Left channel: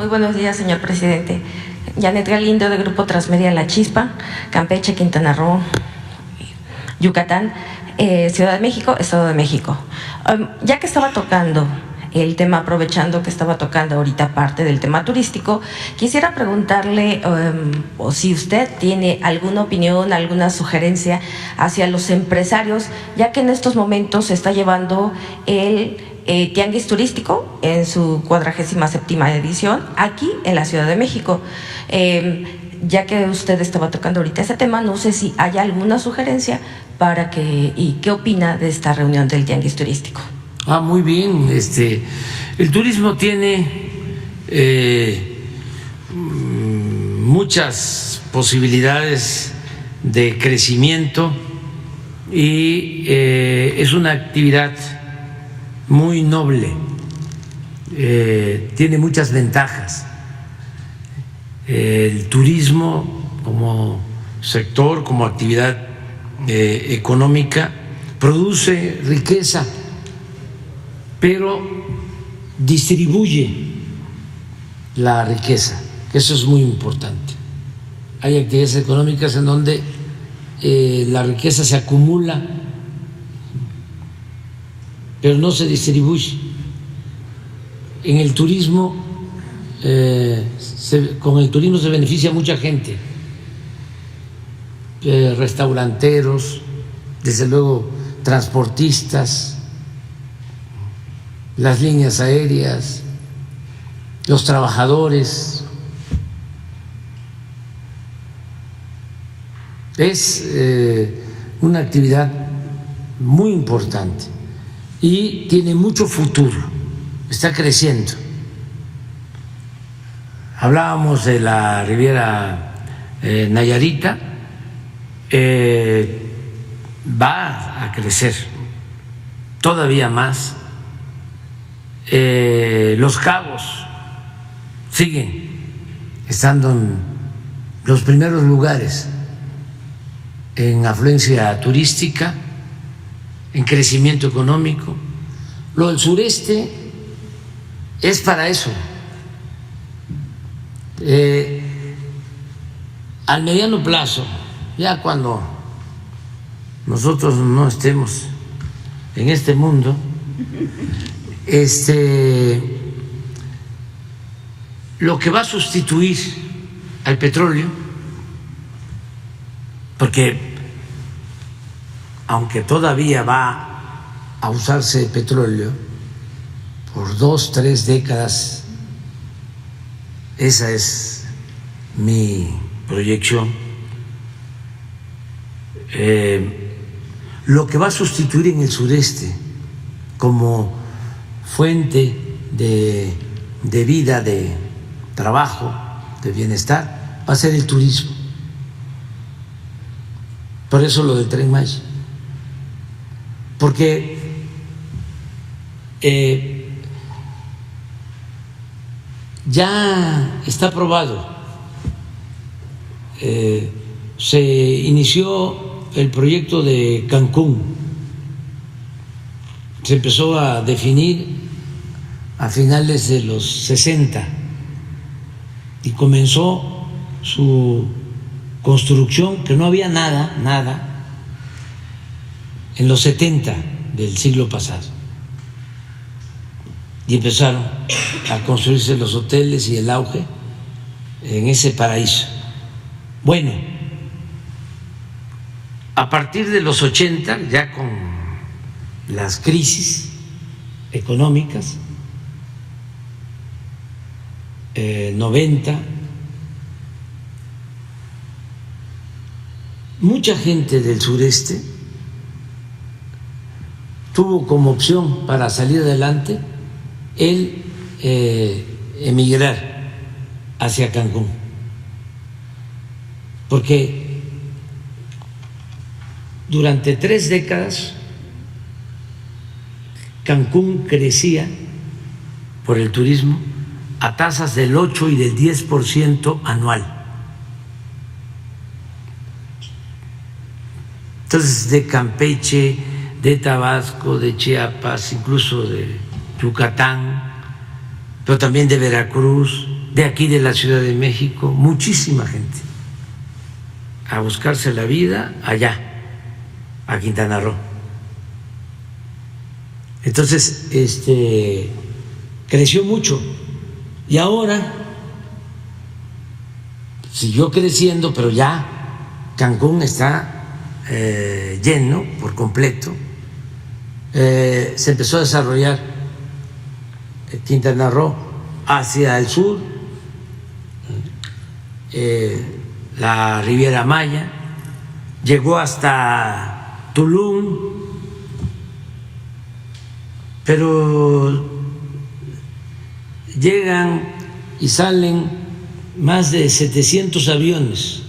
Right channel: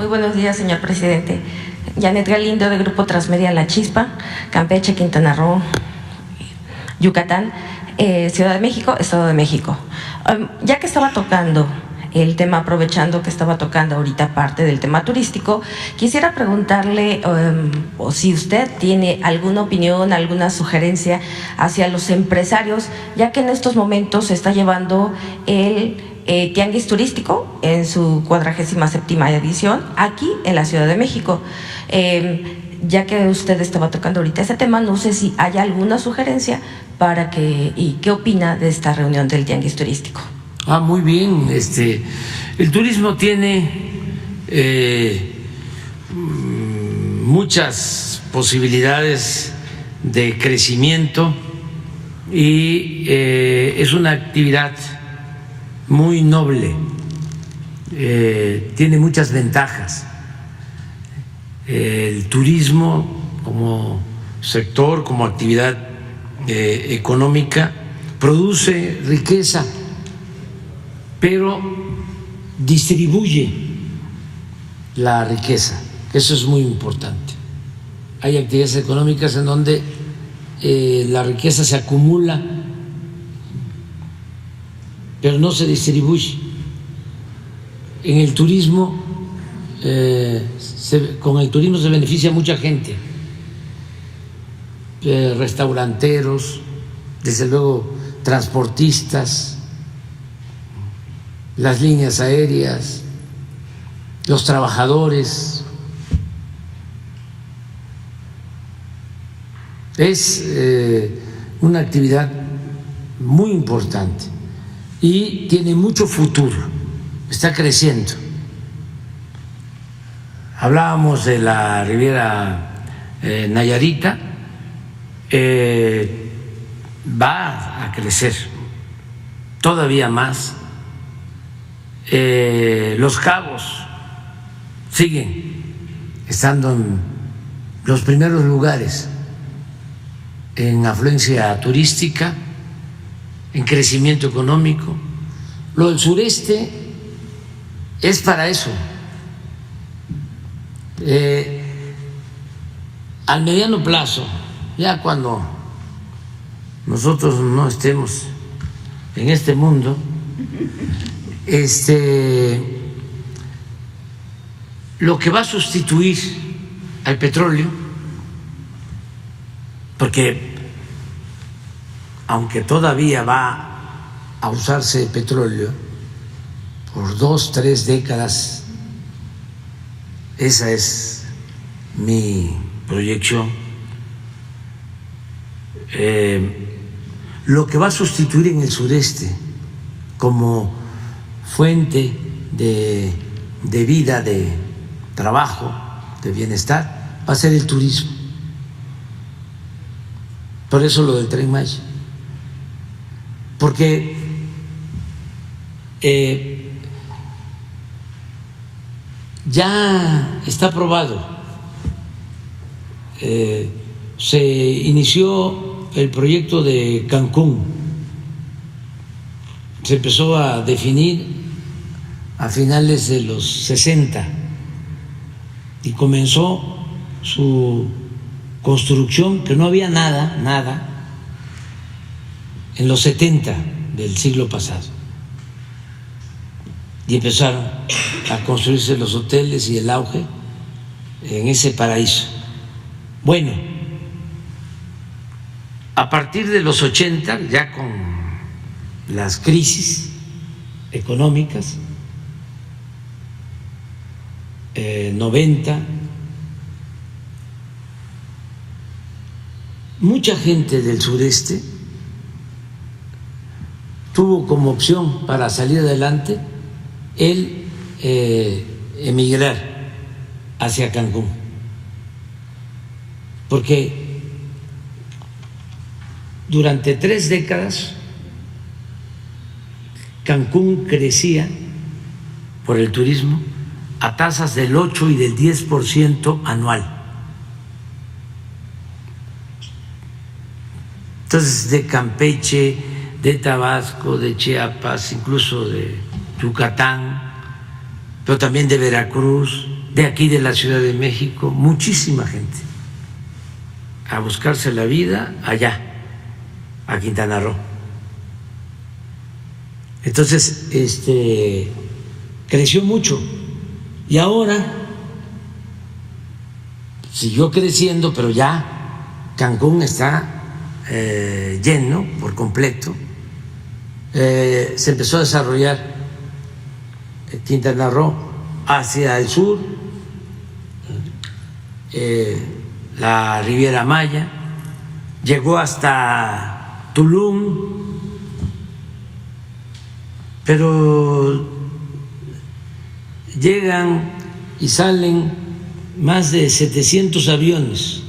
Muy buenos días, señor presidente. Janet Galindo, de Grupo Transmedia La Chispa, Campeche, Quintana Roo, Yucatán, Ciudad de México, Estado de México. Ya que estaba tocando el tema, aprovechando que estaba tocando ahorita parte del tema turístico, quisiera preguntarle o si usted tiene alguna opinión, alguna sugerencia hacia los empresarios, ya que en estos momentos se está llevando el Tianguis Turístico en su 47ª edición aquí en la Ciudad de México. Ya que usted estaba tocando ahorita ese tema, no sé si hay alguna sugerencia para que, y qué opina de esta reunión del Tianguis Turístico. Muy bien. El turismo tiene muchas posibilidades de crecimiento y es una actividad muy noble, tiene muchas ventajas. El turismo como sector, como actividad económica, produce riqueza, pero distribuye la riqueza, que eso es muy importante. Hay actividades económicas en donde la riqueza se acumula, pero no se distribuye. En el turismo, con el turismo se beneficia mucha gente, restauranteros, desde luego transportistas, las líneas aéreas, los trabajadores. Es una actividad muy importante y tiene mucho futuro, está creciendo. Hablábamos de la Riviera Nayarita, va a crecer todavía más. Los Cabos siguen estando en los primeros lugares en afluencia turística, en crecimiento económico. Lo del sureste es para eso. Al mediano plazo, ya cuando nosotros no estemos en este mundo, lo que va a sustituir al petróleo, porque aunque todavía va a usarse petróleo por 2, 3 décadas, esa es mi proyección, lo que va a sustituir en el sureste como fuente de vida, de trabajo, de bienestar, va a ser el turismo. Por eso lo del Tren Maya, porque ya está probado. Se inició el proyecto de Cancún, se empezó a definir a finales de los 60 y comenzó su construcción, que no había nada, en los 70 del siglo pasado. Y empezaron a construirse los hoteles y el auge en ese paraíso. Bueno, a partir de los 80, ya con las crisis económicas, 90, mucha gente del sureste tuvo como opción para salir adelante el emigrar hacia Cancún, porque durante 3 décadas Cancún crecía por el turismo a tasas del 8 y del 10% anual. Entonces, de Campeche, de Tabasco, de Chiapas, incluso de Yucatán, pero también de Veracruz, de aquí de la Ciudad de México, muchísima gente a buscarse la vida allá, a Quintana Roo. Entonces, creció mucho y ahora siguió creciendo, pero ya Cancún está lleno por completo. Se empezó a desarrollar Quintana Roo hacia el sur, la Riviera Maya, llegó hasta Tulum, pero llegan y salen más de 700 aviones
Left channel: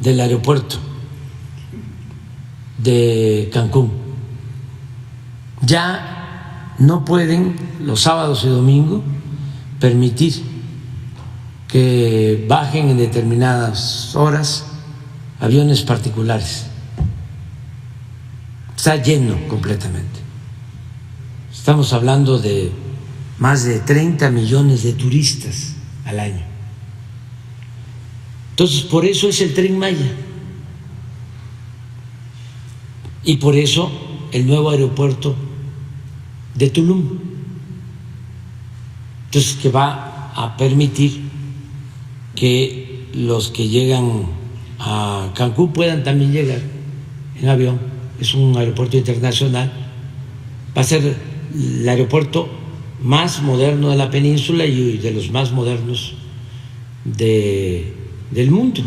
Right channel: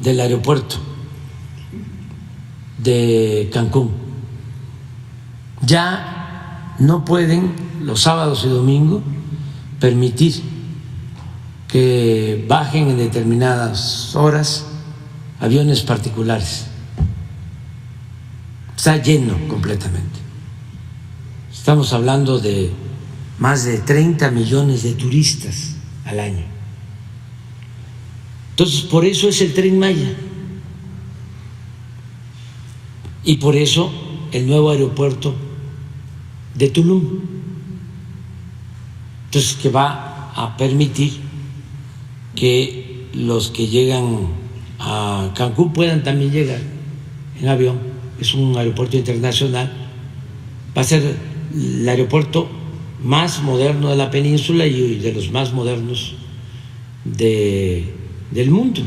del aeropuerto de Cancún. Ya no pueden los sábados y domingos permitir que bajen en determinadas horas aviones particulares. Está lleno completamente. Estamos hablando de más de 30 millones de turistas al año. Entonces, por eso es el Tren Maya. Y por eso el nuevo aeropuerto de Tulum. Entonces, que va a permitir que los que llegan a Cancún puedan también llegar en avión. Es un aeropuerto internacional. Va a ser el aeropuerto más moderno de la península y de los más modernos del mundo.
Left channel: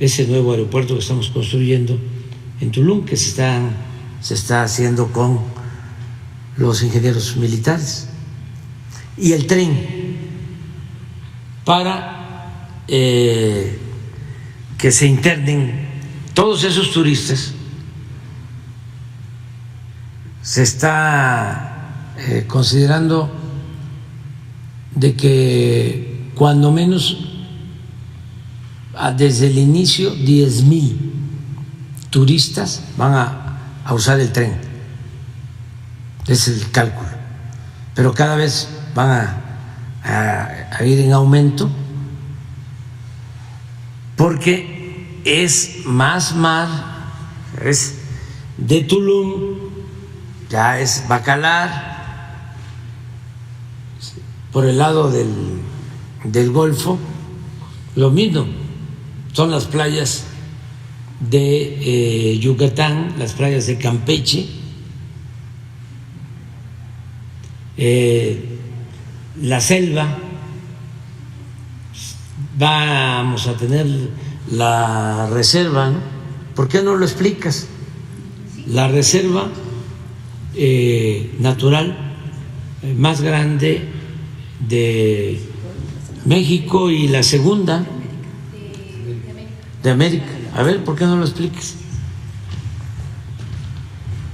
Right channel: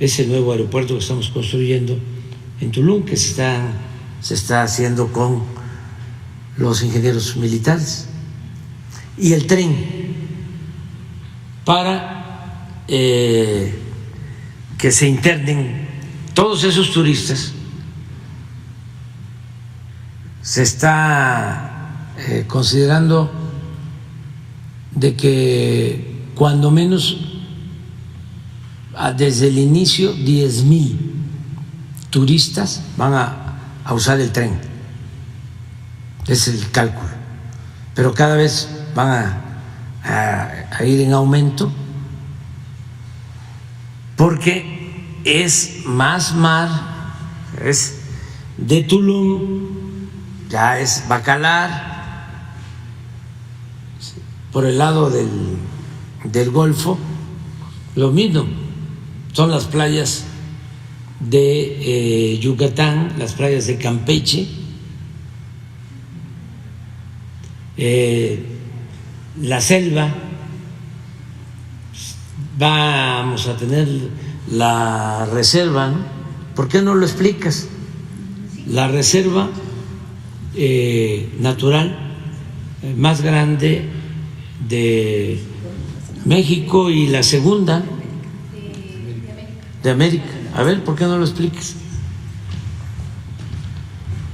Ese nuevo aeropuerto que estamos construyendo en Tulum, que se está haciendo con los ingenieros militares, y el tren para que se internen todos esos turistas. Se está considerando de que cuando menos desde el inicio 10,000 turistas van a usar el tren. Es el cálculo, pero cada vez van a ir en aumento porque es más mar, es de Tulum, ya es Bacalar, por el lado del Golfo, lo mismo, son las playas de Yucatán, las playas de Campeche, la selva. Vamos a tener la reserva, ¿no? ¿Por qué no lo explicas? La reserva natural más grande de México y la segunda de América. A ver, ¿por qué no lo explicas?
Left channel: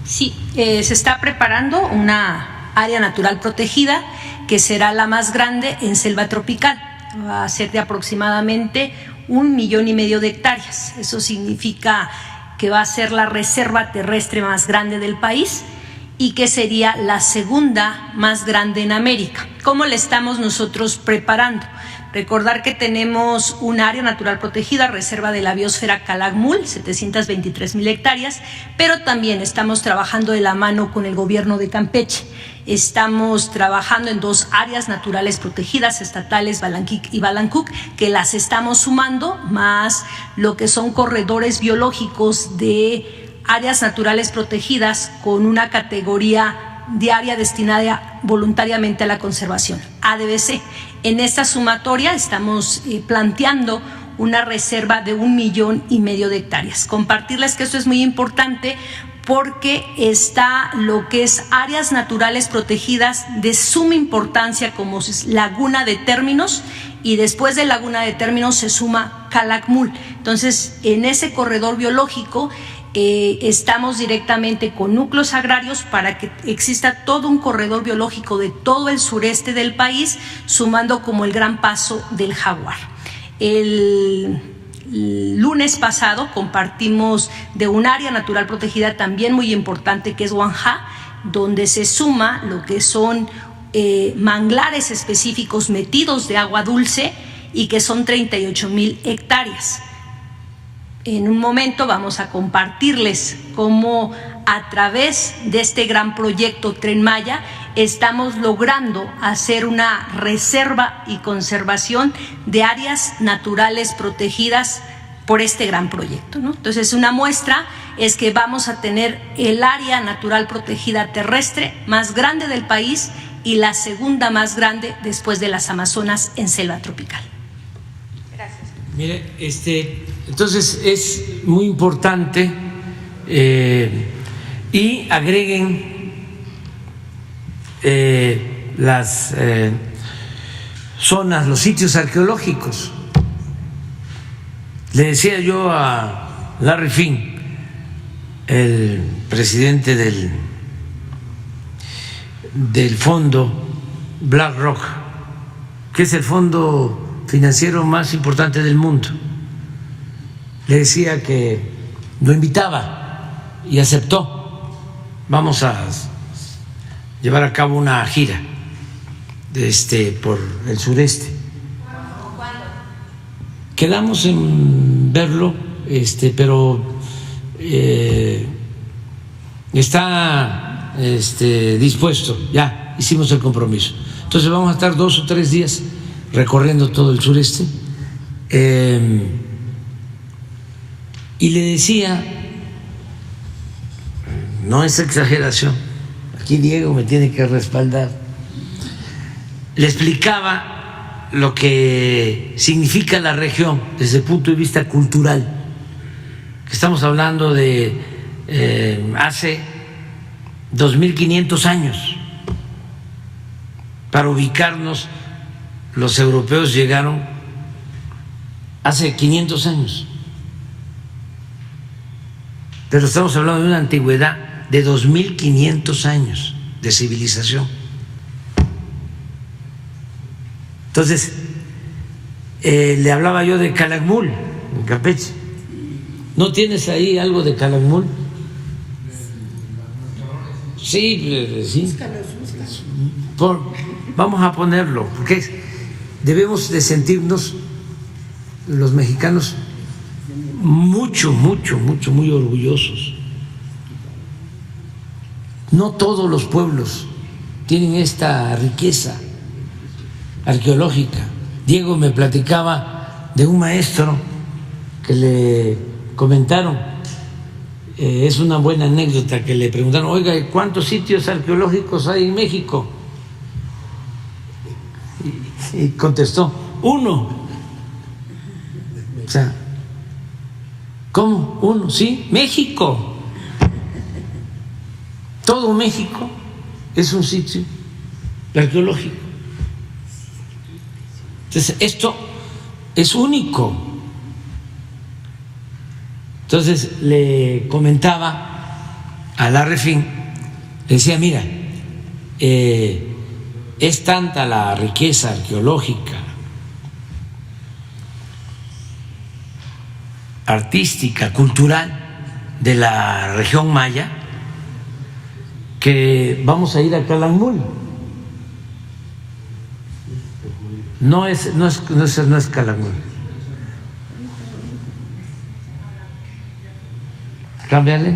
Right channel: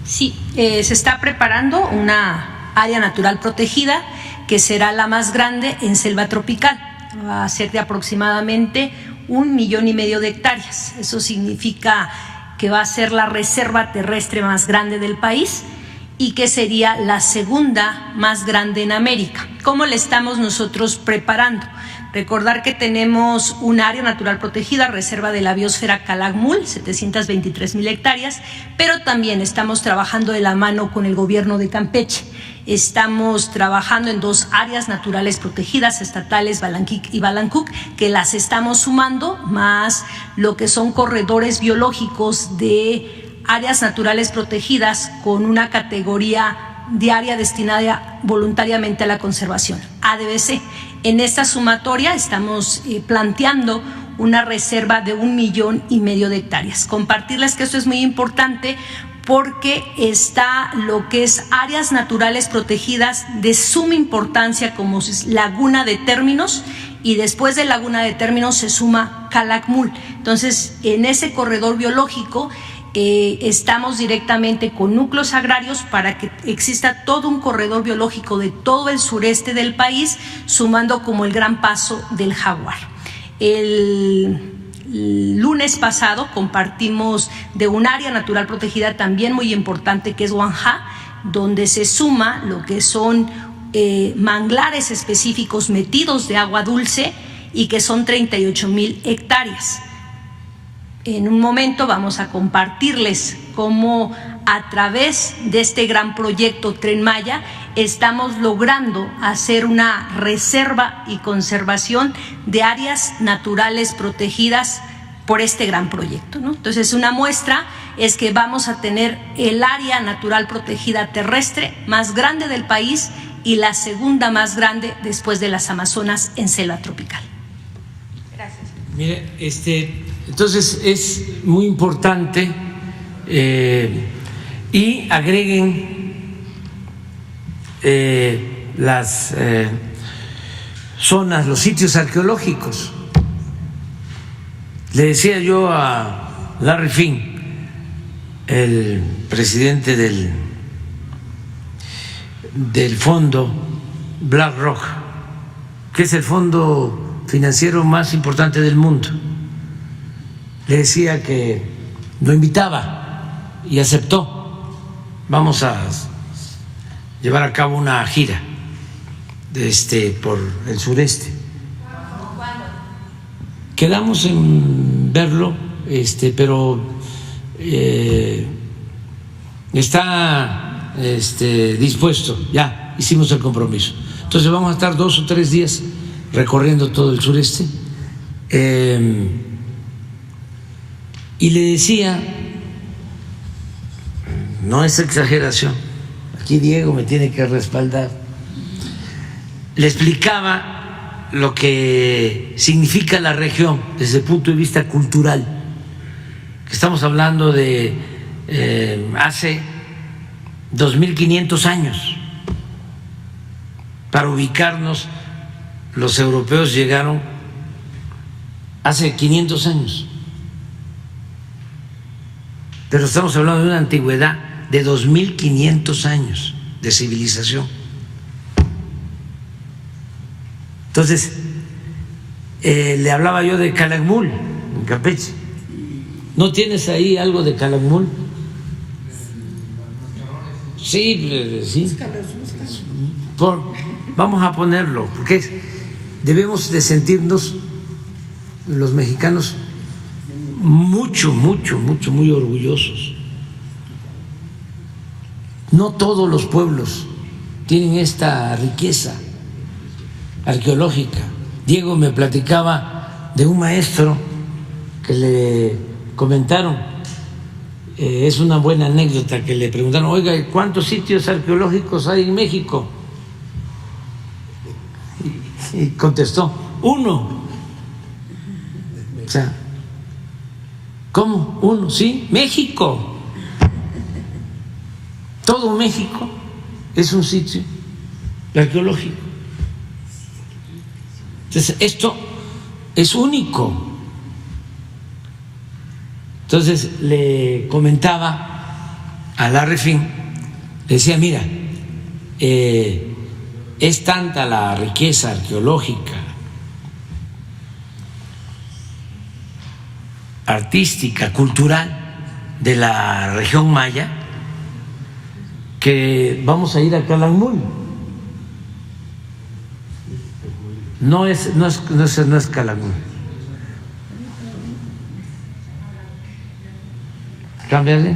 Sí, se está preparando una área natural protegida que será la más grande en selva tropical. Va a ser de aproximadamente 1,5 millones de hectáreas. Eso significa que va a ser la reserva terrestre más grande del país y que sería la segunda más grande en América. ¿Cómo le estamos nosotros preparando? Recordar que tenemos un área natural protegida, reserva de la biosfera Calakmul, 723,000 hectáreas, pero también estamos trabajando de la mano con el gobierno de Campeche. Estamos trabajando en 2 áreas naturales protegidas estatales, Balanquic y Balancuc, que las estamos sumando, más lo que son corredores biológicos de áreas naturales protegidas con una categoría de área destinada voluntariamente a la conservación, ADBC. En esta sumatoria estamos planteando una reserva de 1,5 millones de hectáreas. Compartirles que esto es muy importante porque está lo que es áreas naturales protegidas de suma importancia como es Laguna de Términos, y después de Laguna de Términos se suma Calakmul. Entonces, en ese corredor biológico estamos directamente con núcleos agrarios para que exista todo un corredor biológico de todo el sureste del país, sumando como el Gran Paso del Jaguar. El lunes pasado compartimos de un área natural protegida también muy importante que es Huanjá, donde se suma lo que son manglares específicos metidos de agua dulce y que son 38,000 hectáreas. En un momento vamos a compartirles cómo a través de este gran proyecto Tren Maya estamos logrando hacer una reserva y conservación de áreas naturales protegidas por este gran proyecto, ¿no? Entonces, una muestra es que vamos a tener el área natural protegida terrestre más grande del país y la segunda más grande después de las Amazonas en selva tropical. Gracias. Mire, entonces es muy importante y agreguen las zonas, los sitios arqueológicos. Le decía yo a Larry Fink, el presidente del fondo BlackRock, que es el fondo financiero más importante del mundo, le decía que lo invitaba y aceptó. Vamos a llevar a cabo una gira por el sureste. Quedamos en verlo, pero está dispuesto, ya hicimos el compromiso. Entonces vamos a estar 2 o 3 días recorriendo todo el sureste. Y le decía, no es exageración, aquí Diego me tiene que respaldar, le explicaba lo que significa la región desde el punto de vista cultural, que estamos hablando de hace 2.500 años. Para ubicarnos, los europeos llegaron hace 500 años. Pero estamos hablando de una antigüedad de 2.500 años de civilización. Entonces, le hablaba yo de Calakmul, en Campeche. ¿No tienes ahí algo de Calakmul? Sí, sí. Vamos a ponerlo, porque debemos de sentirnos los mexicanos muy orgullosos. No todos los pueblos tienen esta riqueza arqueológica. Diego me platicaba de un maestro que le comentaron, es una buena anécdota, que le preguntaron, oiga, ¿cuántos sitios arqueológicos hay en México? Y contestó, 1. O sea, ¿cómo? 1, sí, México. Todo México es un sitio arqueológico. Entonces, esto es único. Entonces, le comentaba a Larry Fink, le decía, mira, es tanta la riqueza arqueológica, artística, cultural de la región maya, que vamos a ir a Calakmul. No es Calakmul. Cámbiale.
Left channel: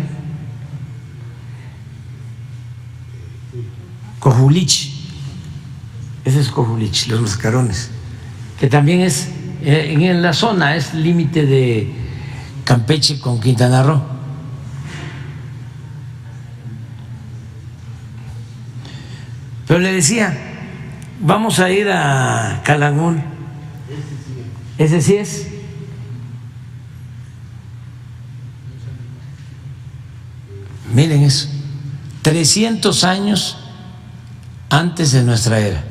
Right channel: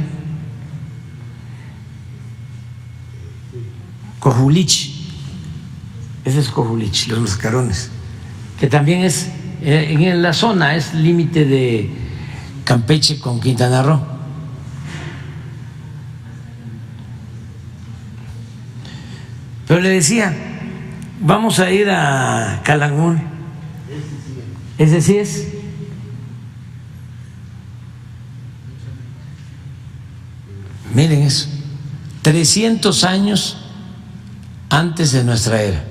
Cojulich. Ese es Cojulich, los mascarones, que también es en la zona, es límite de Campeche con Quintana Roo. Pero le decía, vamos a ir a Calakmul. Ese sí es. Miren eso, 300 años antes de nuestra era,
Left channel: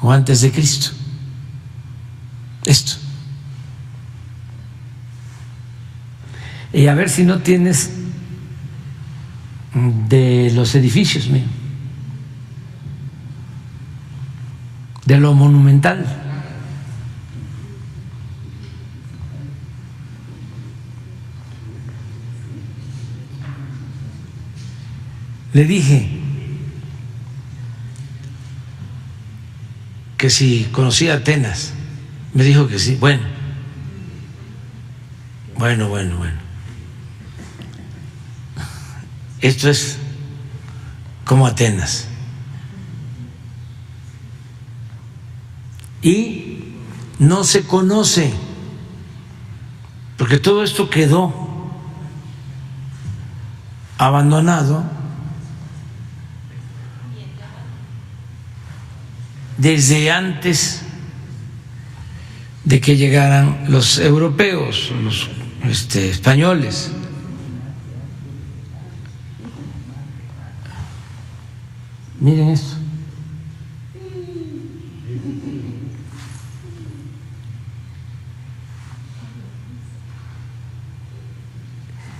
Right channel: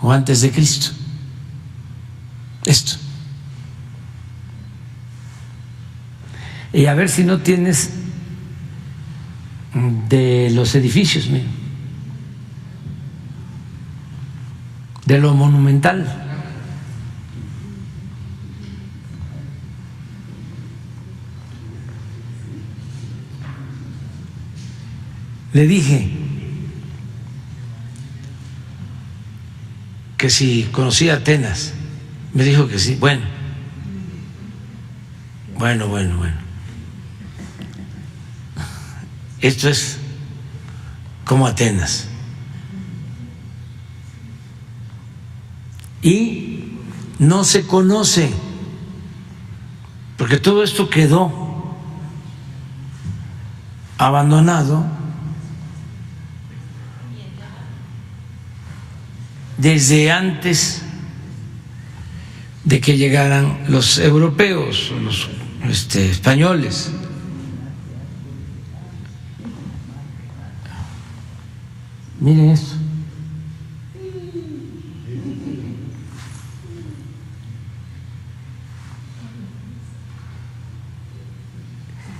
o antes de Cristo. Esto. Y a ver si no tienes de los edificios, mira, de lo monumental. Le dije, que si conocía Atenas. Me dijo que sí. Bueno. Esto es como Atenas. Y no se conoce, porque todo esto quedó abandonado desde antes de que llegaran los europeos, los españoles. Miren esto.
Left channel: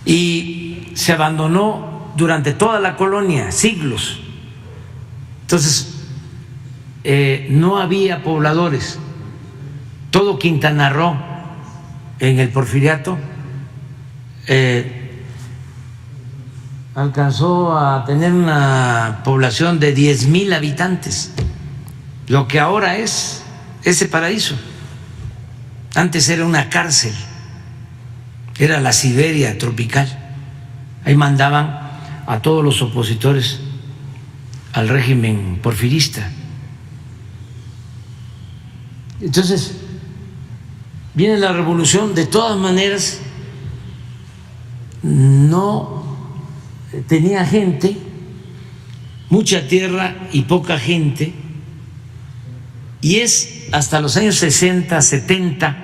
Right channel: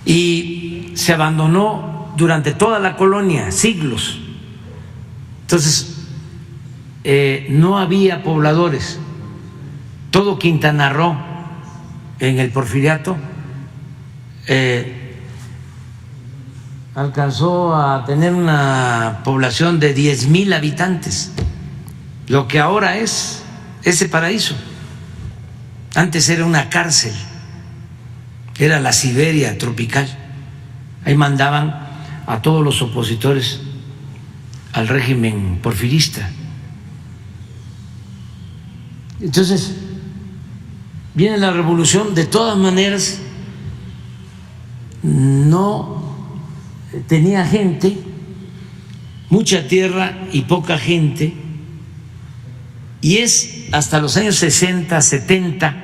Y se abandonó durante toda la colonia, siglos. Entonces, no había pobladores. Todo Quintana Roo en el Porfiriato alcanzó a tener una población de 10,000 habitantes, lo que ahora es ese paraíso. Antes era una cárcel, era la Siberia tropical. Ahí mandaban a todos los opositores al régimen porfirista. Entonces, viene la revolución. De todas maneras, no tenía gente, mucha tierra y poca gente, y es hasta los años 60, 70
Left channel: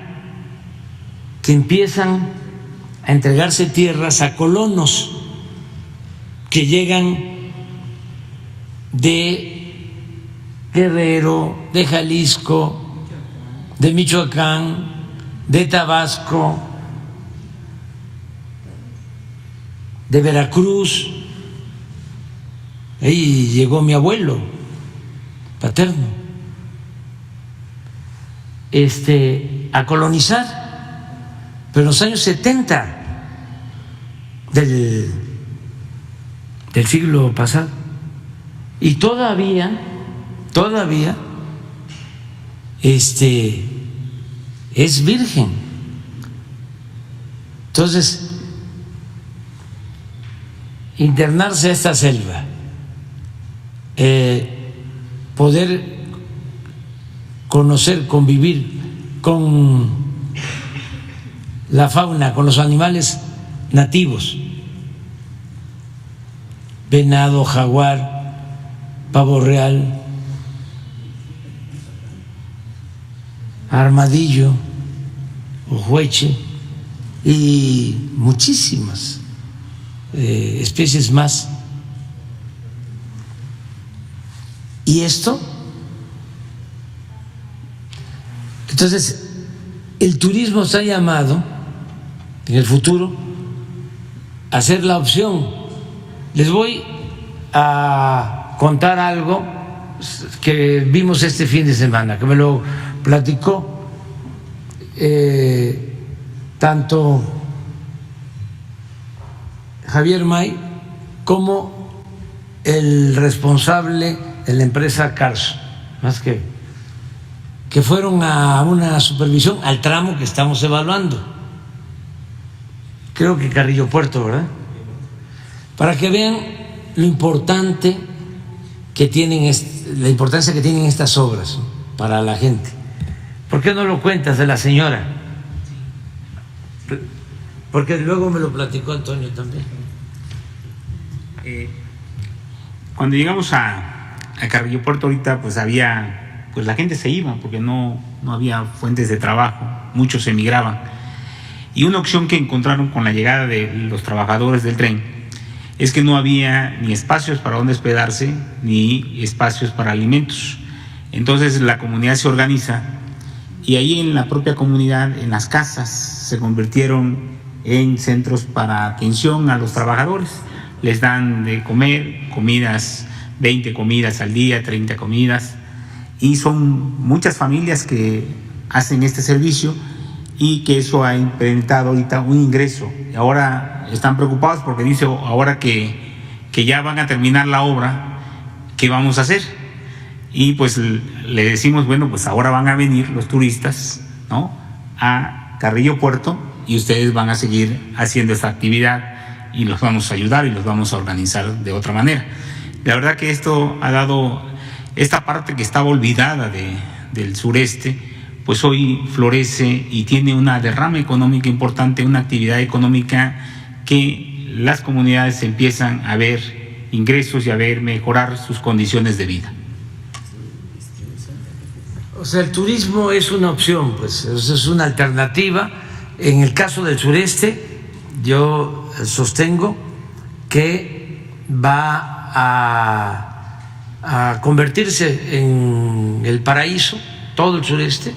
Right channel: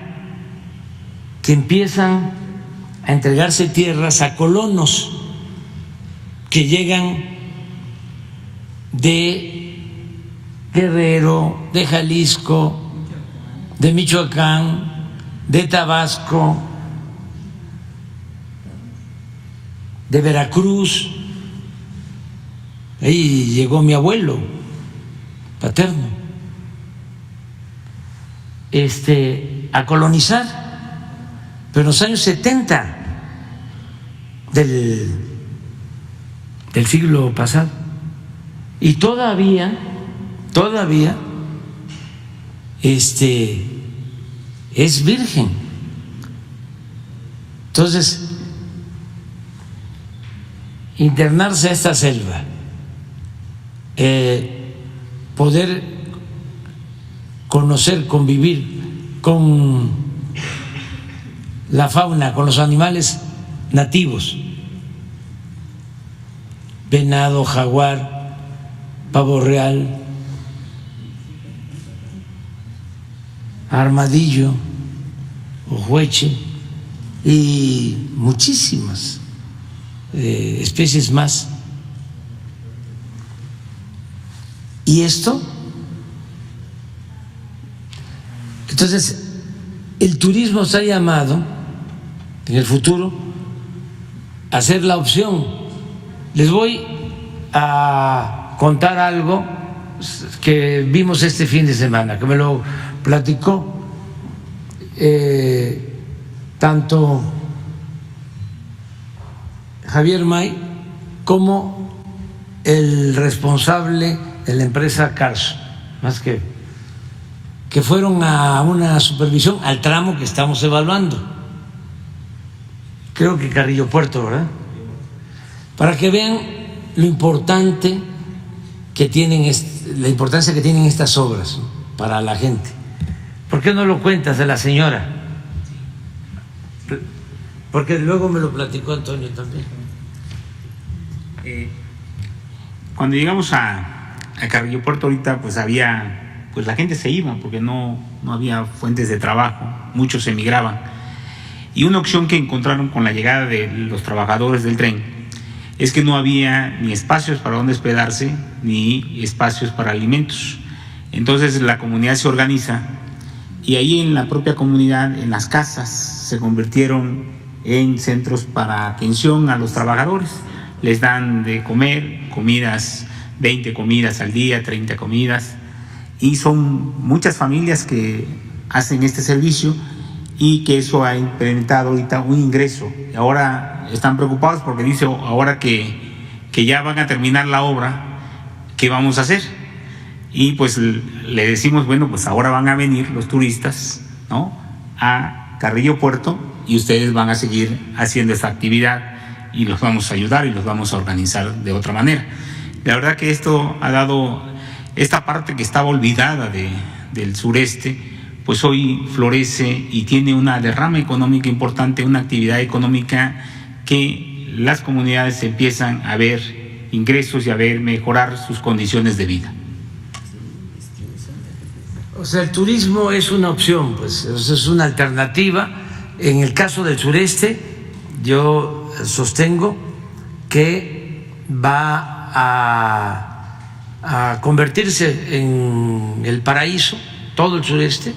que empiezan a entregarse tierras a colonos que llegan de Guerrero, de Jalisco, de Michoacán, de Tabasco, de Veracruz. Ahí llegó mi abuelo paterno, a colonizar, pero en los años 70 del siglo pasado. Y todavía es virgen. Entonces, internarse a esta selva, poder conocer, convivir con la fauna, con los animales nativos, venado, jaguar, pavo real, armadillo, ojueche y muchísimas especies más. ¿Y esto? Entonces, el turismo está llamado en el futuro a ser la opción. Les voy a contar algo que vimos este fin de semana, que me lo platicó tanto Javier May como el responsable de la empresa Carso, más que fueron a una supervisión al tramo que estamos evaluando, creo que Carrillo Puerto, ¿verdad? Para que vean lo importante que tienen, la importancia que tienen estas obras para la gente. ¿Por qué no lo cuentas de la señora? Porque luego me lo platicó Antonio también. Cuando llegamos a Carrillo Puerto ahorita, pues la gente se iba porque no había fuentes de trabajo, muchos emigraban. Y una opción que encontraron con la llegada de los trabajadores del tren es que no había ni espacios para donde hospedarse ni espacios para alimentos. Entonces la comunidad se organiza y ahí en la propia comunidad, en las casas, se convirtieron en centros para atención a los trabajadores. Les dan de comer, comidas, 20 comidas al día, 30 comidas, y son muchas familias que hacen este servicio y que eso ha implementado ahorita un ingreso. Ahora están preocupados porque dice, ahora que ya van a terminar la obra, ¿qué vamos a hacer? y pues le decimos, bueno, pues ahora van a venir los turistas, ¿no?, a Carrillo Puerto, y ustedes van a seguir haciendo esta actividad y los vamos a ayudar y los vamos a organizar de otra manera. La verdad que esto ha dado, esta parte que estaba olvidada del sureste, pues hoy florece y tiene una derrama económica importante, una actividad económica que las comunidades empiezan a ver ingresos y a ver mejorar sus condiciones de vida. O sea, el turismo es una opción, pues es una alternativa. En el caso del sureste, yo sostengo que va a convertirse en el paraíso, todo el sureste.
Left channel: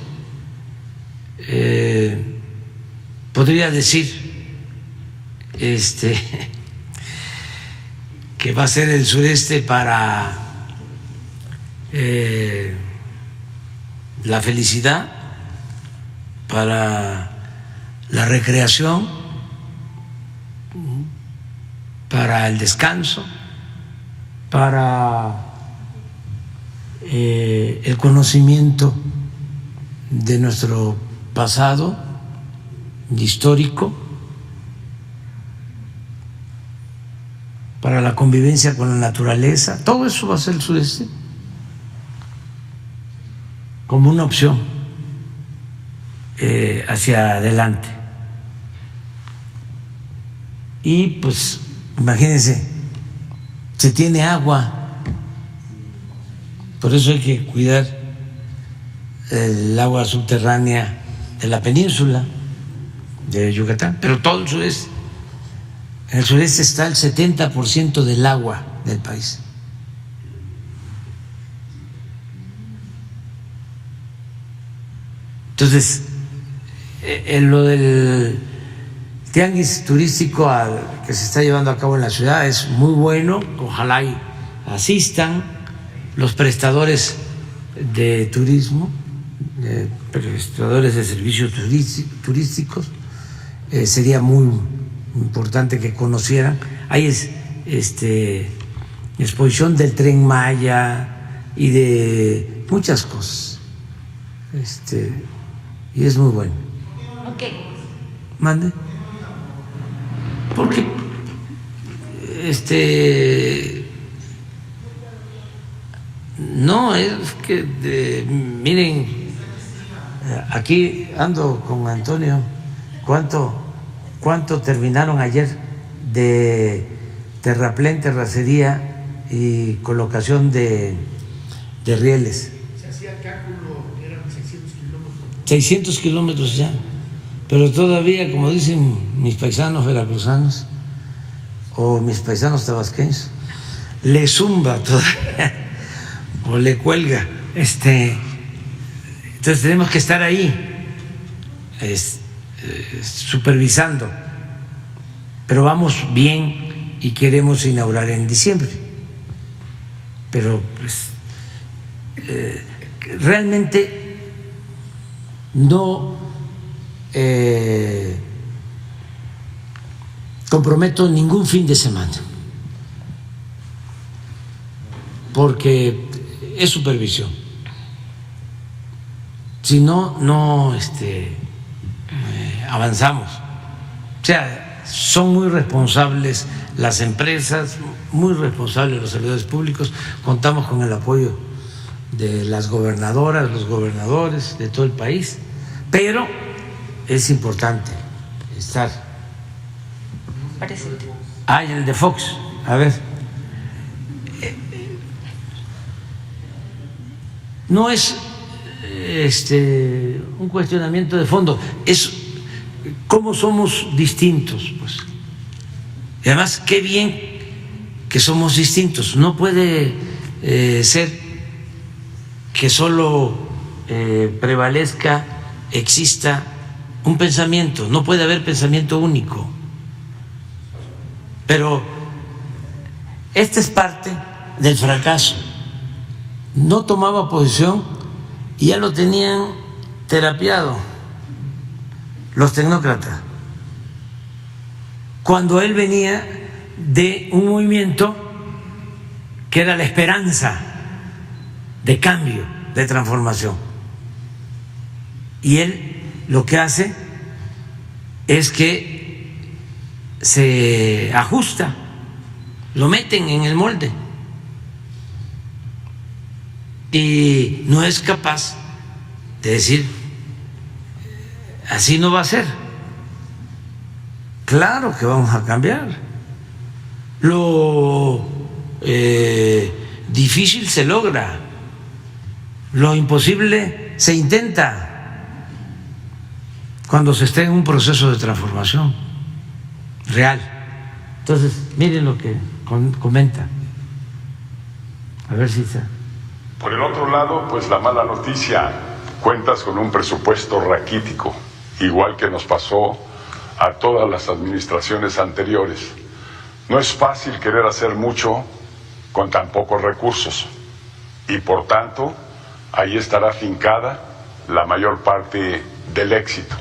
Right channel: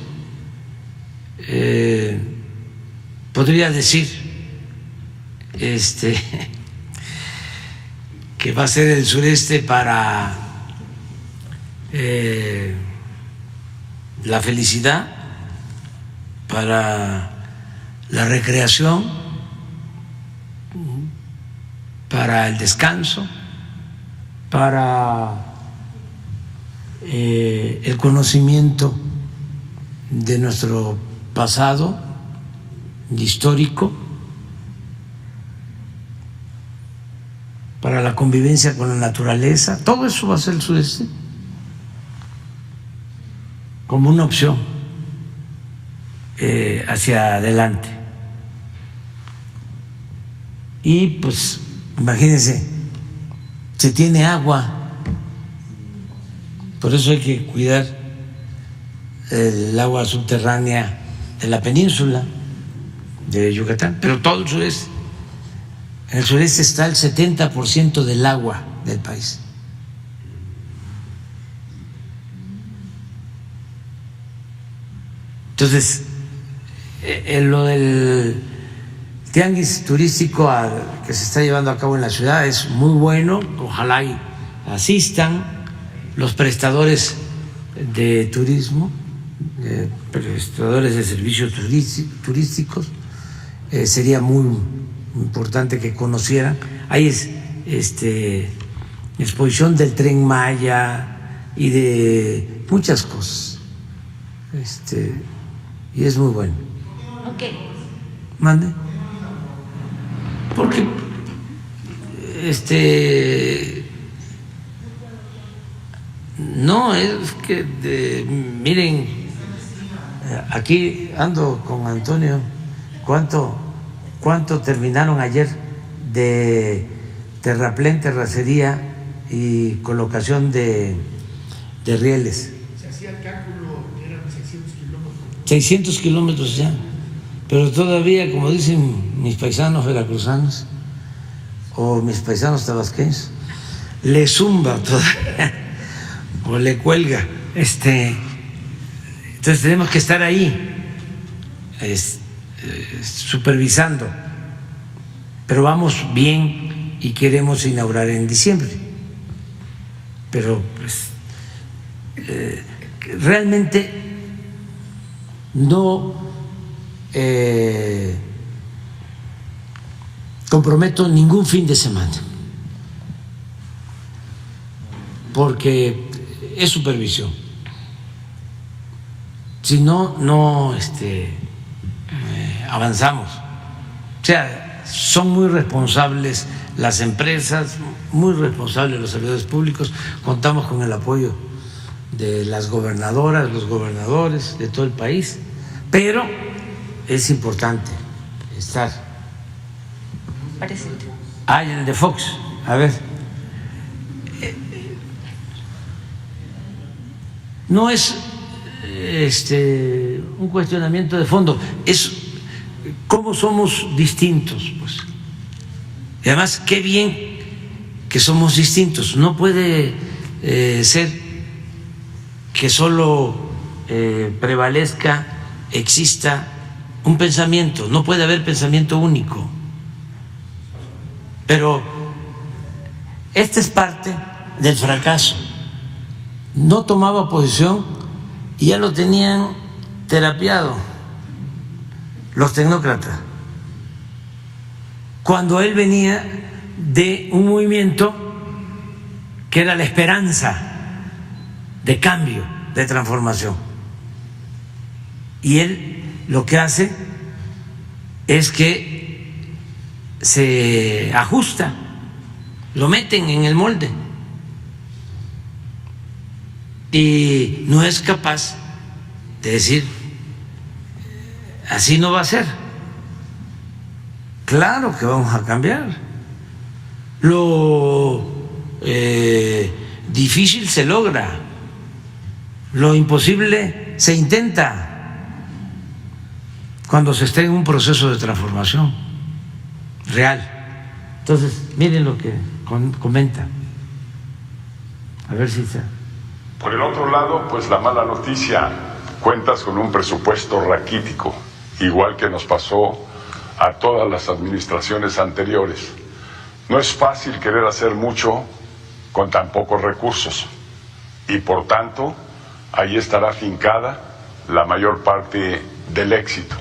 Podría decir que va a ser el sureste para la felicidad, para la recreación, para el descanso, para el conocimiento de nuestro pasado histórico, para la convivencia con la naturaleza. Todo eso va a ser el sureste como una opción hacia adelante. Y pues imagínense, se tiene agua, por eso hay que cuidar el agua subterránea de la península de Yucatán, pero todo el sureste. En el sureste está el 70% del agua del país. Entonces, lo del tianguis turístico que se está llevando a cabo en la ciudad es muy bueno. Ojalá y asistan los prestadores de turismo, prestadores de servicios turísticos. Sería muy importante que conocieran. Hay exposición del Tren Maya y de muchas cosas. Y es muy bueno. Ok. Mande. Porque no, es que miren, aquí ando con Antonio, ¿cuánto terminaron ayer de terraplén, terracería y colocación de rieles? Se hacía el cálculo, eran 600 kilómetros. 600 kilómetros ya, pero todavía, como dicen mis paisanos veracruzanos o mis paisanos tabasqueños, le zumba todavía o le cuelga. Entonces tenemos que estar ahí supervisando, pero vamos bien y queremos inaugurar en diciembre, pero pues, realmente no comprometo ningún fin de semana, porque es supervisión. Si no, no avanzamos. O sea, son muy responsables las empresas, muy responsables los servidores públicos. Contamos con el apoyo de las gobernadoras, los gobernadores de todo el país, pero es importante estar. Presente. Y el de Fox, a ver. No es un cuestionamiento de fondo, es cómo somos distintos, pues. Y además, qué bien que somos distintos. No puede ser que solo prevalezca, exista un pensamiento, no puede haber pensamiento único. Pero esta es parte del fracaso. No tomaba posición y ya lo tenían terapiado los tecnócratas, cuando él venía de un movimiento que era la esperanza, de cambio, de transformación. Y él lo que hace es que se ajusta, lo meten en el molde y no es capaz de decir, así no va a ser. Claro que vamos a cambiar. Lo difícil se logra, lo imposible se intenta cuando se esté en un proceso de transformación real. Entonces, miren lo que comenta. A ver si está. Por el otro lado, pues la mala noticia, cuentas con un presupuesto raquítico, igual que nos pasó a todas las administraciones anteriores. No es fácil querer hacer mucho con tan pocos recursos y por tanto ahí estará afincada la mayor parte del éxito.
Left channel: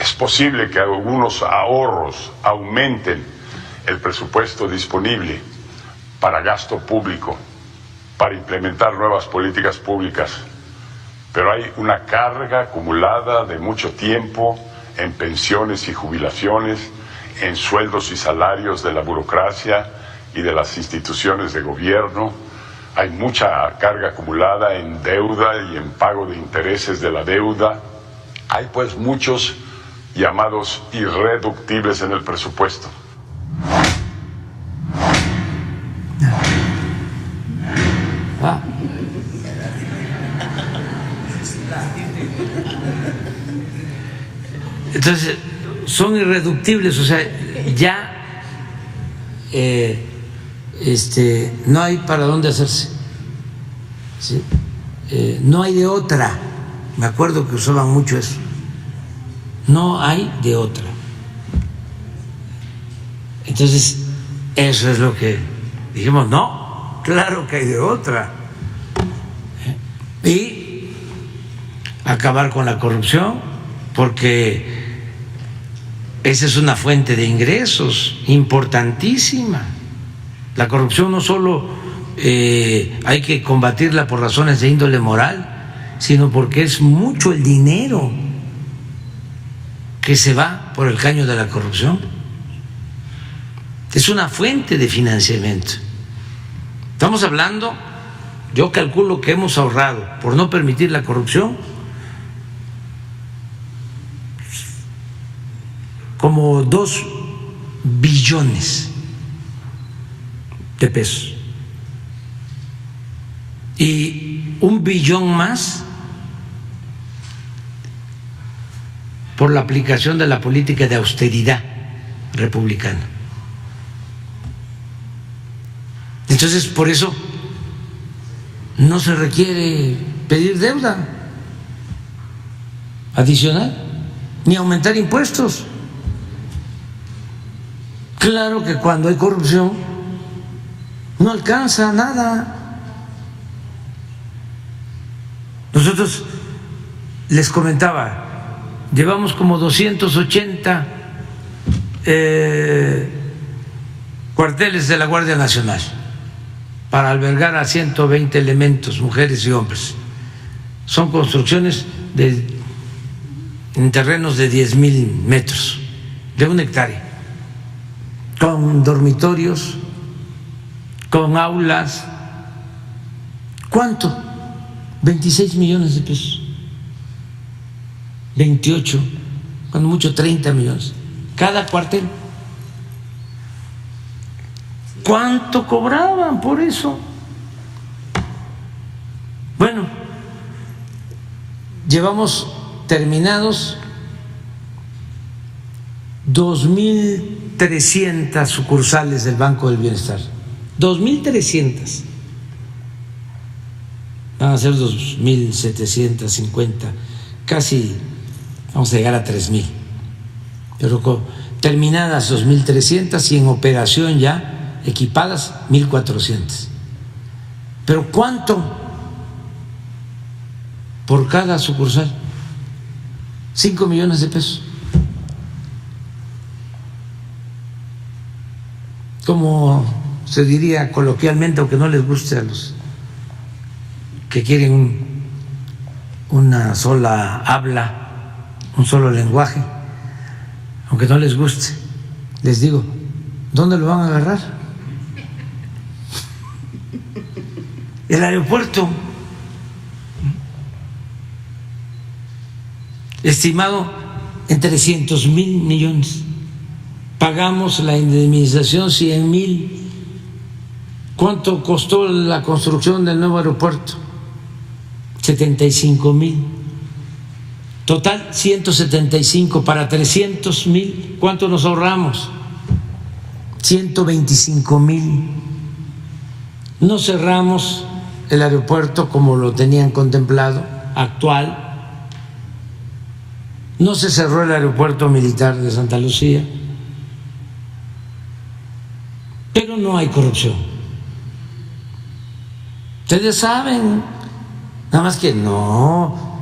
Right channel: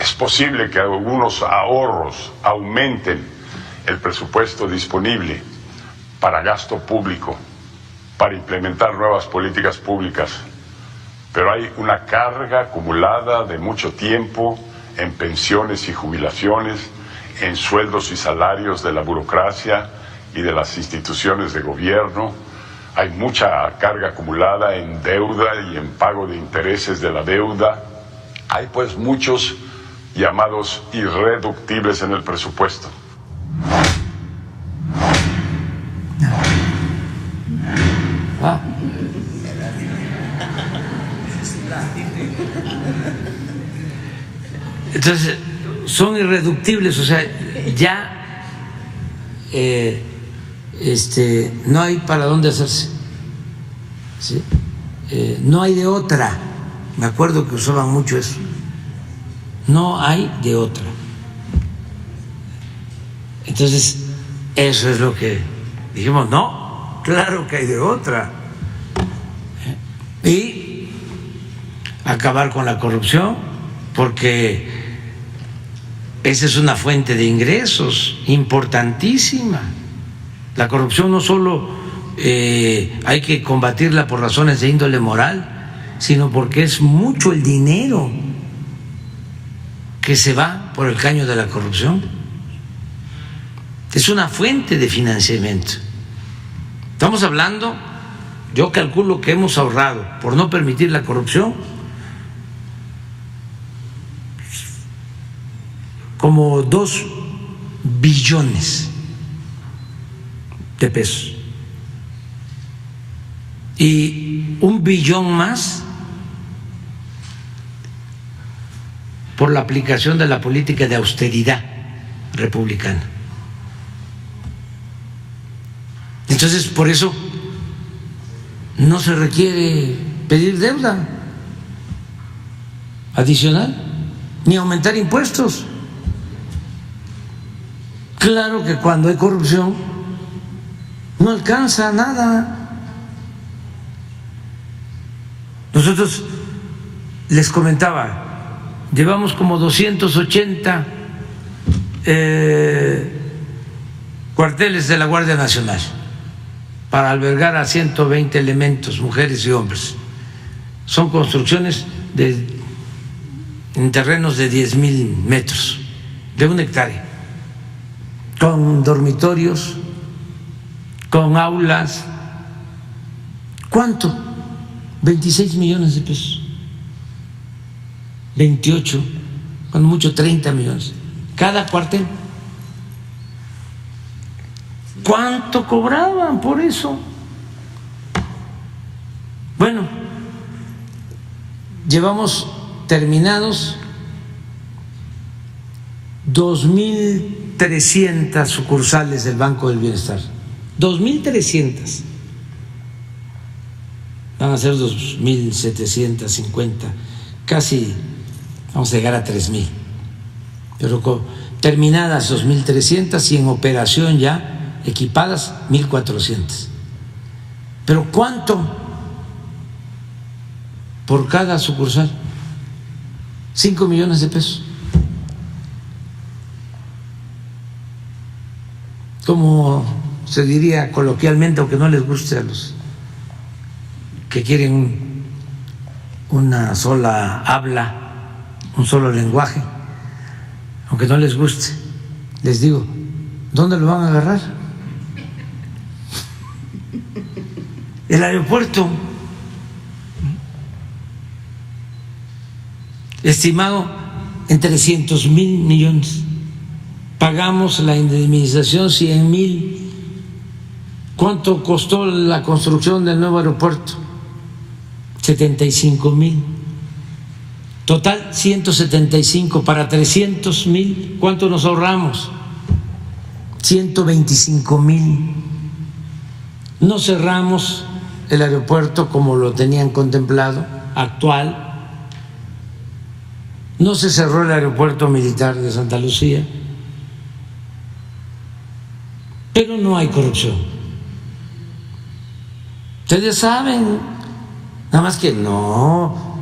Es posible que algunos ahorros aumenten el presupuesto disponible para gasto público, para implementar nuevas políticas públicas, pero hay una carga acumulada de mucho tiempo en pensiones y jubilaciones, en sueldos y salarios de la burocracia y de las instituciones de gobierno. Hay mucha carga acumulada en deuda y en pago de intereses de la deuda. Hay pues muchos llamados irreductibles en el presupuesto. Entonces, son irreductibles, o sea, ya no hay para dónde hacerse, ¿sí? No hay de otra. Me acuerdo que usaban mucho eso. No hay de otra. Entonces, eso es lo que dijimos, no, claro que hay de otra. Y acabar con la corrupción, porque esa es una fuente de ingresos importantísima. La corrupción no solo hay que combatirla por razones de índole moral, sino porque es mucho el dinero que se va por el caño de la corrupción. Es una fuente de financiamiento. Estamos hablando, yo calculo que hemos ahorrado, por no permitir la corrupción, como 2 billones de pesos. Y 1 billón más por la aplicación de la política de austeridad republicana. Entonces, por eso no se requiere pedir deuda adicional ni aumentar impuestos. Claro que cuando hay corrupción no alcanza nada. Nosotros les comentaba, llevamos como 280 cuarteles de la Guardia Nacional para albergar a 120 elementos, mujeres y hombres. Son construcciones en terrenos de 10,000 metros, de 1 hectárea, con dormitorios, con aulas. ¿Cuánto? 26 millones de pesos, 28, cuando mucho 30 millones, cada cuartel. ¿Cuánto cobraban por eso? Bueno, llevamos terminados 2.300 sucursales del Banco del Bienestar. 2.300. Van a ser 2.750, casi vamos a llegar a 3.000. Pero terminadas 2.300 y en operación ya equipadas 1.400. Pero ¿cuánto por cada sucursal? 5 millones de pesos. Como se diría coloquialmente, aunque no les guste a los que quieren una sola habla, un solo lenguaje, aunque no les guste, les digo, ¿dónde lo van a agarrar? El aeropuerto, estimado en 300,000 millones. Pagamos la indemnización 100,000. ¿Cuánto costó la construcción del nuevo aeropuerto? 75,000. Total 175 para 300,000. ¿Cuánto nos ahorramos? 125,000. No cerramos el aeropuerto como lo tenían contemplado, actual. No se cerró el aeropuerto militar de Santa Lucía, pero no hay corrupción. Ustedes saben, nada más que no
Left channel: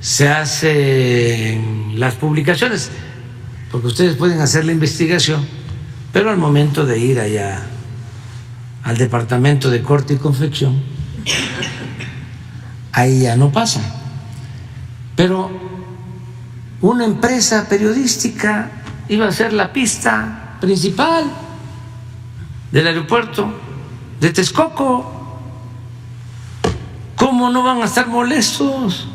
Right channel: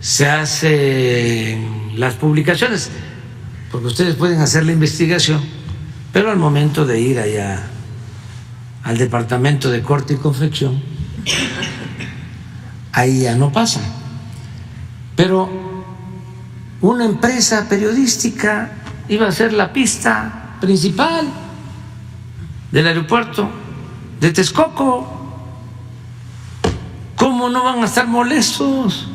se hacen las publicaciones, porque ustedes pueden hacer la investigación, pero al momento de ir allá al departamento de corte y confección, ahí ya no pasa. Pero una empresa periodística iba a ser la pista principal del aeropuerto de Texcoco. ¿Cómo no van a estar molestos?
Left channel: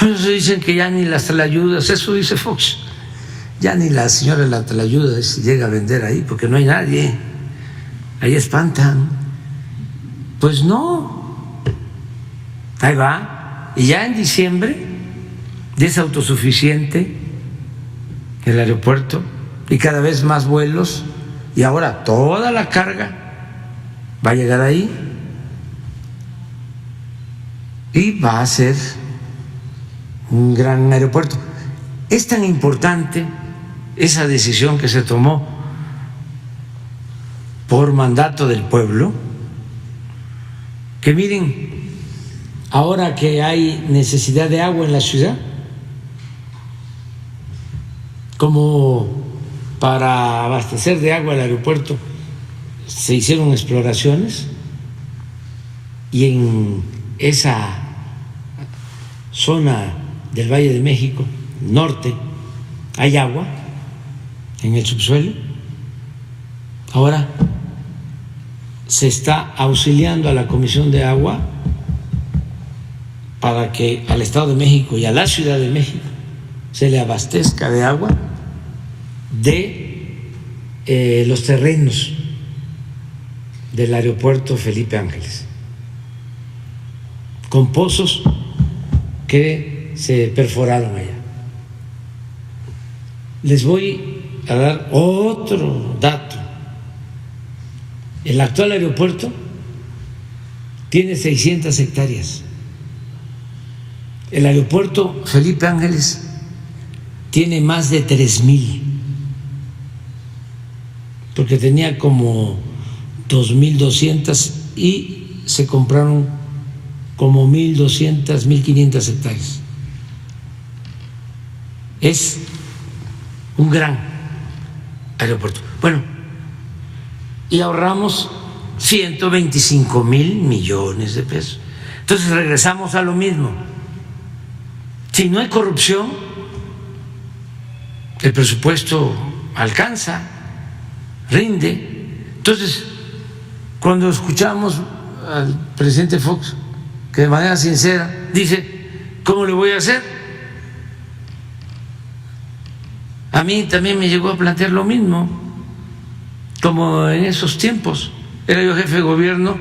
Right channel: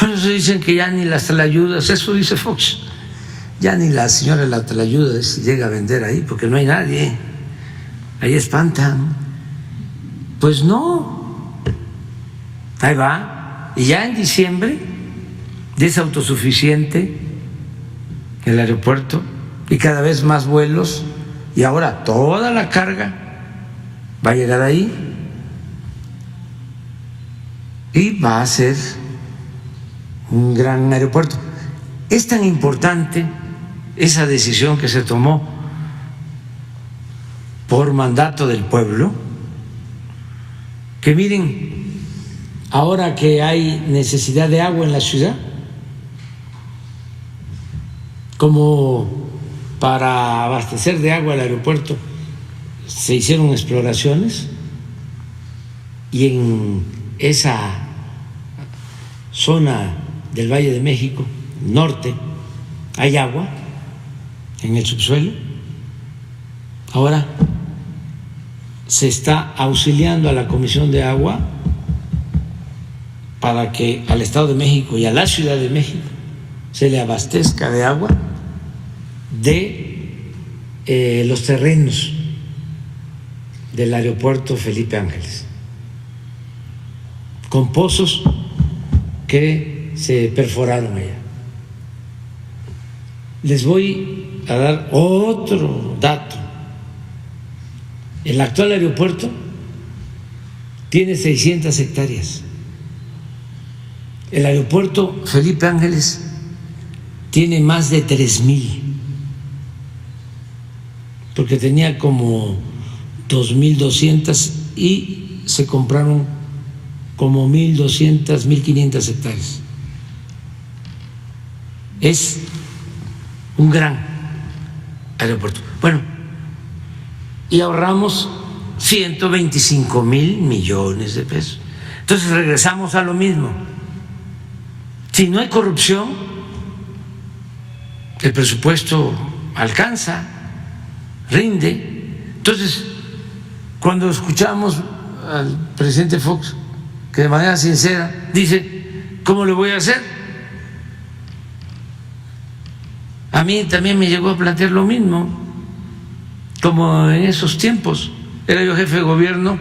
Por eso dicen que ya ni las tlayudas, eso dice Fox, ya ni la señora de la tlayuda llega a vender ahí porque no hay nadie, ahí espantan. Pues no, ahí va, y ya en diciembre es autosuficiente el aeropuerto y cada vez más vuelos, y ahora toda la carga va a llegar ahí y va a ser un gran aeropuerto. Es tan importante esa decisión que se tomó por mandato del pueblo, que miren, ahora que hay necesidad de agua en la ciudad, como para abastecer de agua el aeropuerto, se hicieron exploraciones y en esa zona del Valle de México, norte, hay agua en el subsuelo. Ahora se está auxiliando a la Comisión de Agua para que al Estado de México y a la Ciudad de México se le abastezca de agua de los terrenos del aeropuerto Felipe Ángeles, con pozos que se perforaron allá. Les voy a dar otro dato. El actual aeropuerto tiene 600 hectáreas. El aeropuerto Felipe Ángeles tiene más de 3,000, porque tenía como 2,200 y se compraron como 1,200, 1,500 hectáreas. Es un gran aeropuerto. Bueno, y ahorramos 125,000 millones de pesos. Entonces regresamos a lo mismo. Si no hay corrupción, el presupuesto alcanza, rinde. Entonces, cuando escuchamos al presidente Fox, que de manera sincera dice, ¿cómo le voy a hacer? A mí también me llegó a plantear lo mismo, como en esos tiempos. Era yo jefe de gobierno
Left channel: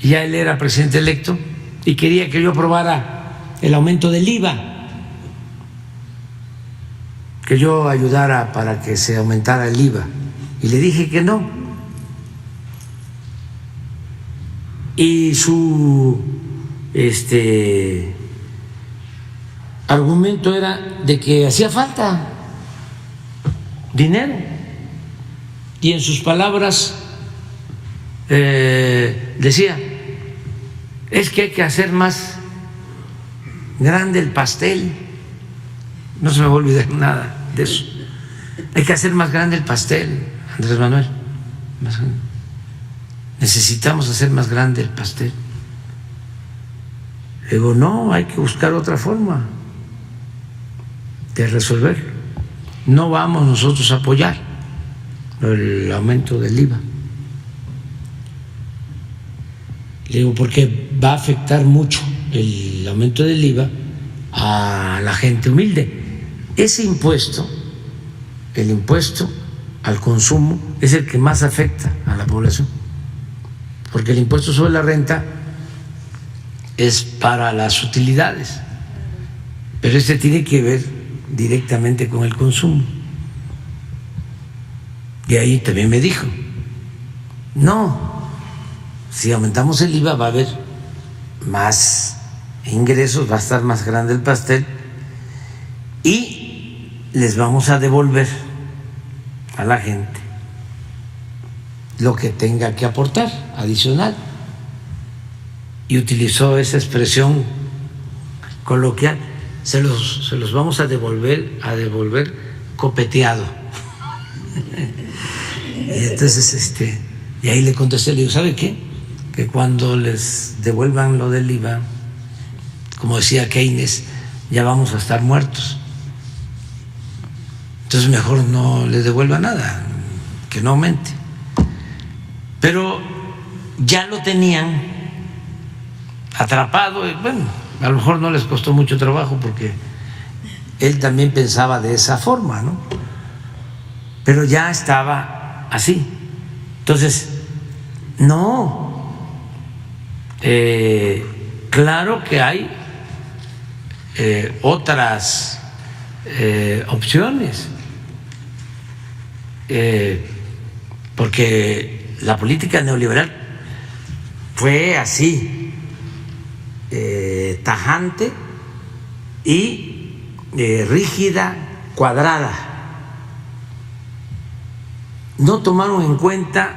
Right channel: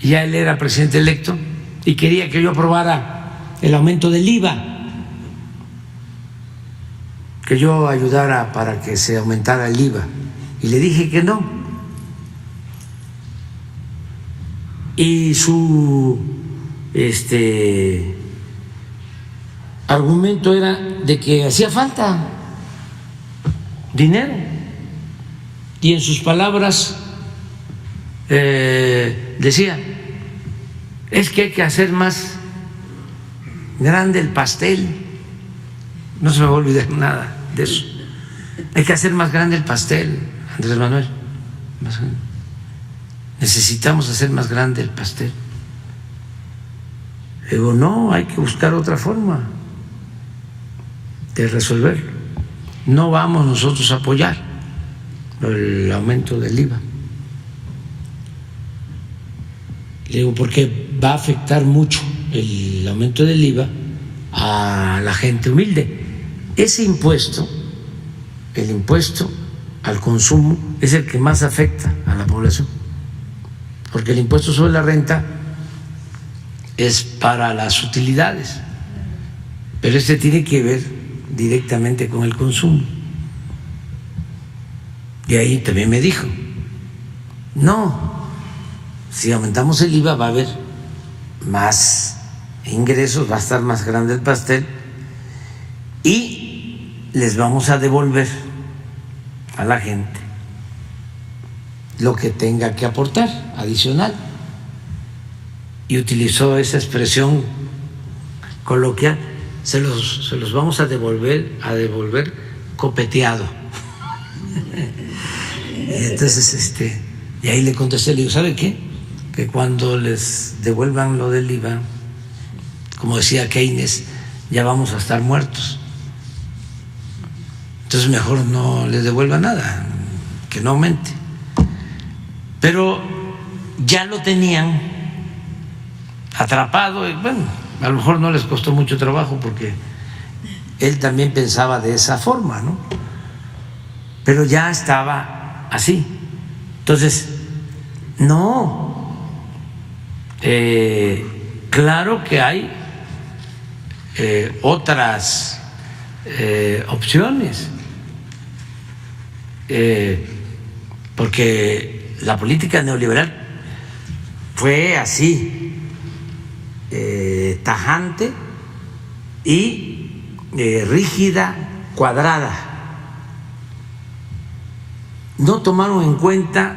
y ya él era presidente electo y quería que yo aprobara el aumento del IVA, que yo ayudara para que se aumentara el IVA, y le dije que no. Y su argumento era de que hacía falta dinero, y en sus palabras decía, es que hay que hacer más grande el pastel. No se me va a olvidar nada de eso. Hay que hacer más grande el pastel, Andrés Manuel. necesitamos hacer más grande el pastel. Le digo, no, hay que buscar otra forma de resolverlo. No vamos nosotros a apoyar el aumento del IVA. Le digo, porque va a afectar mucho el aumento del IVA a la gente humilde. Ese impuesto, el impuesto al consumo, es el que más afecta a la población, porque el impuesto sobre la renta es para las utilidades, pero este tiene que ver directamente con el consumo. Y ahí también me dijo, no, si aumentamos el IVA va a haber más ingresos, va a estar más grande el pastel y les vamos a devolver a la gente lo que tenga que aportar adicional. Y utilizó esa expresión coloquial, se los vamos a devolver copeteado. Y entonces y ahí le contesté, le digo, ¿sabe qué? Que cuando les devuelvan lo del IVA, como decía Keynes, ya vamos a estar muertos. Entonces mejor no les devuelva nada, que no aumente. Pero ya lo tenían atrapado, y bueno, a lo mejor no les costó mucho trabajo porque él también pensaba de esa forma, ¿no? Pero ya estaba así. Entonces, no, claro que hay otras opciones, porque la política neoliberal fue así, tajante y rígida, cuadrada. No tomaron en cuenta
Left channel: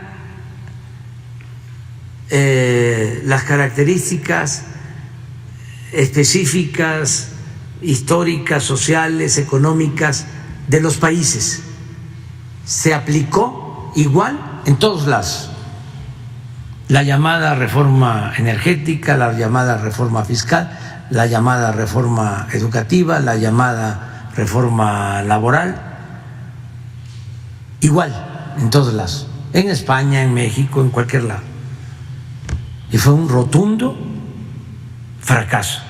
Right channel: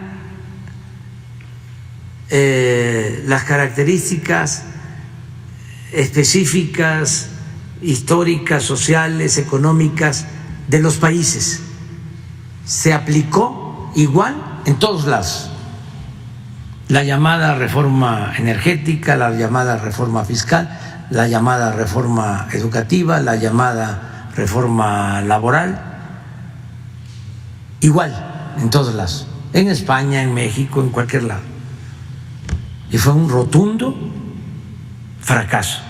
las características específicas, históricas, sociales, económicas de los países. Se aplicó igual en todos lados. La llamada reforma energética, la llamada reforma fiscal, la llamada reforma educativa, la llamada reforma laboral, igual en todos lados, en España, en México, en cualquier lado. Y fue un rotundo fracaso.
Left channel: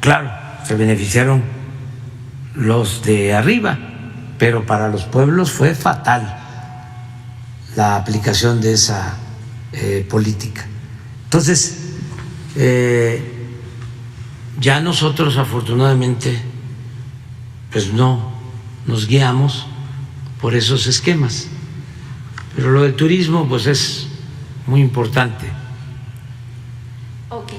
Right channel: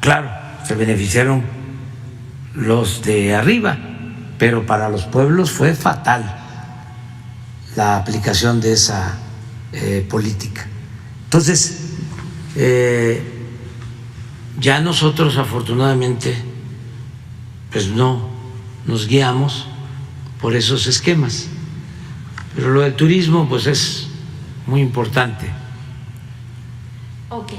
Claro, se beneficiaron los de arriba, pero para los pueblos fue fatal la aplicación de esa política. Entonces, ya nosotros afortunadamente pues no nos guiamos por esos esquemas, pero lo del turismo pues es muy importante. Ok.